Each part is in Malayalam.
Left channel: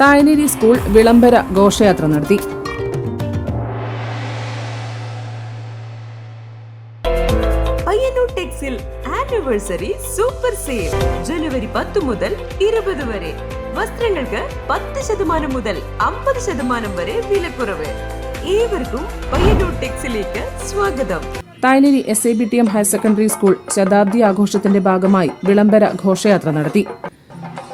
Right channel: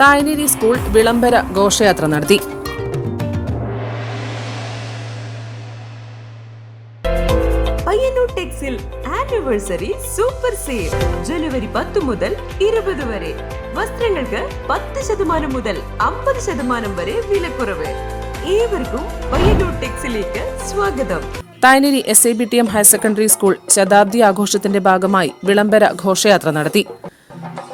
തായനേരി സ്കൂൾ വിളംബര ഘോഷയാത്ര നടത്തി. പയ്യന്നൂർ ടെക്സിൽ ആനിവേഴ്സറി സൂപ്പർ സെയിൽ ജനുവരി പത്ത് മുതൽ ഇരുപത് വരെ. വസ്ത്രങ്ങൾക്ക് പത്ത് ശതമാനം മുതൽ അമ്പത് ശതമാനം വരെ വിലക്കുറവ്. ഏവർക്കും പയ്യന്നൂർ ടെക്സിലേക്ക് സ്വാഗതം. Thayineri S I B T M higher secondary school ശതാബ്ദി ആഘോഷത്തിന്റെ ഭാഗമായി വിളംബര ഘോഷയാത്ര നടത്തി.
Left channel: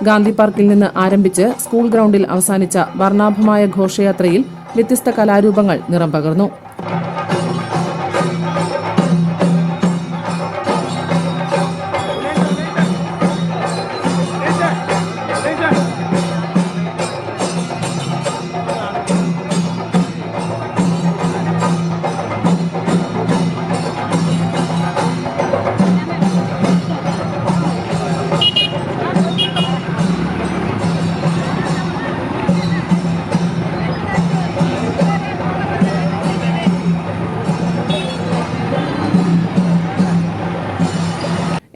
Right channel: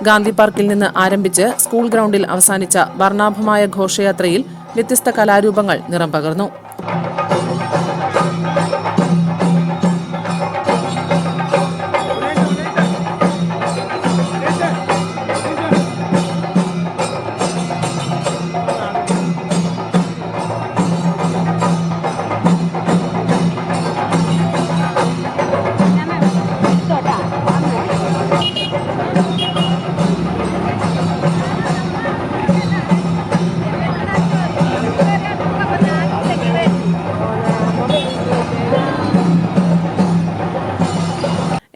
ഗാന്ധി പാർക്കിൽ നിന്ന് ആരംഭിച്ച് സ്കൂൾ ഗ്രൗണ്ടിൽ അവസാനിച്ച വർണാഭമായ ഘോഷയാത്രയിൽ വ്യത്യസ്ത കലാരൂപങ്ങൾ നിറം പകർന്നു.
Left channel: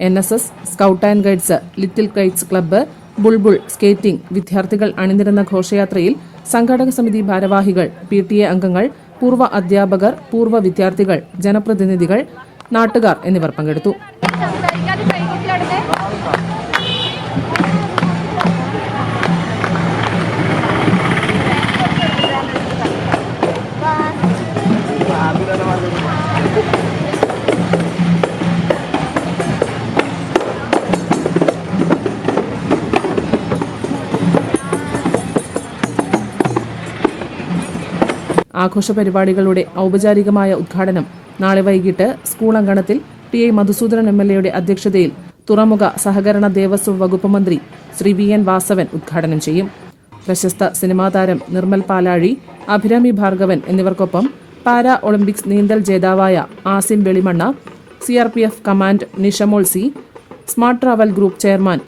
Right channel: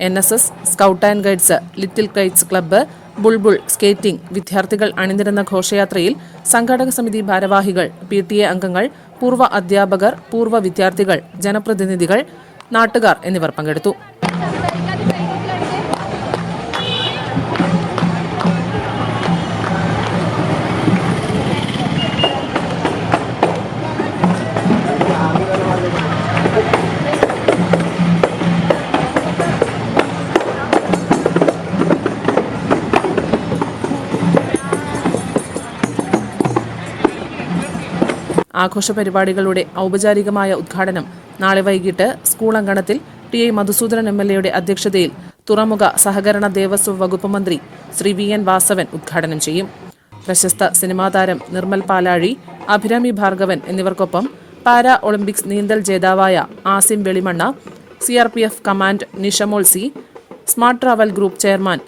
N S S scout and guides little kites club bulbul skating വിദ്യാർത്ഥികൾ അണിനിരന്ന ഘോഷയാത്രയിൽ സംഘാടക സമിതി ഭാരവാഹികൾ പി ടി എ അംഗങ്ങൾ പൂർവ അധ്യാപകർ പൂർവ വിദ്യാർത്ഥികൾ ജനപ്രതിനിധികൾ നാട്ടുകാർ എന്നിവർ പങ്കെടുത്തു. ആഘോഷ പരിപാടികളുടെ ഔപചാരികമായ ഉദ്ഘാടനം നാളെ വൈകിട്ട് സ്കൂൾ അങ്കണത്തിൽ T A Madhusoodanan M L എയുടെ അധ്യക്ഷതയിൽ തുറമുഖ സഹകരണ ദേവസ്വം വകുപ്പ് മന്ത്രി ശ്രീ വി എൻ വാസവൻ ഉദ്ഘാടനം ചെയ്യും. പ്രശസ്ത സിനിമാ താരം നിർമ്മൽ പാലാഴി അഭിരാമി ഭാർഗവൻ എന്നിവർക്കൊപ്പം പാരാ ഒളിമ്പിക്സ് നീന്തൽ ജേതാവായ Asim Velimanna C R P F command Nishamol C smart travel group chairman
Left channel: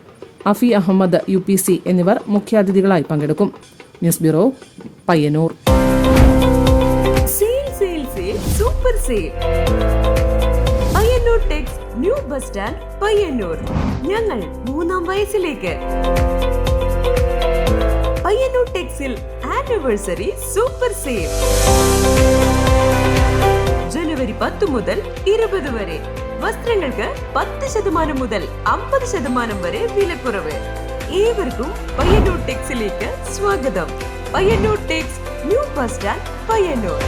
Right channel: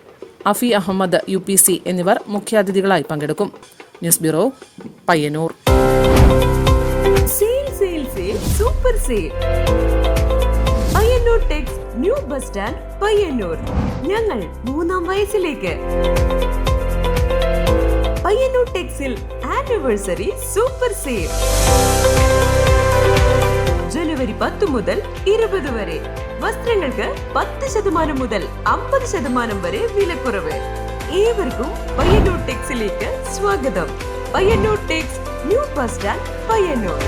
Afi Ahmed U P C എന്നിവർ മുഖ്യാതിഥികളായി പങ്കെടുക്കും. News bureau Payyanur sale sale sale super sale Payyanur Tex new bus stand Payyanur ഞങ്ങൾ മൂന്നാം വയസ്സിലേക്ക്. പയ്യന്നൂർ ടെക്സിൽ ആനിവേഴ്സറി സൂപ്പർ സെയിൽ ജനുവരി പത്ത് മുതൽ ഇരുപത് വരെ. വസ്ത്രങ്ങൾക്ക് പത്ത് ശതമാനം മുതൽ അമ്പത് ശതമാനം വരെ വിലക്കുറവ്. ഏവർക്കും പയ്യന്നൂർ സ്വാഗതം. Payyanur new bus stand Payyanur.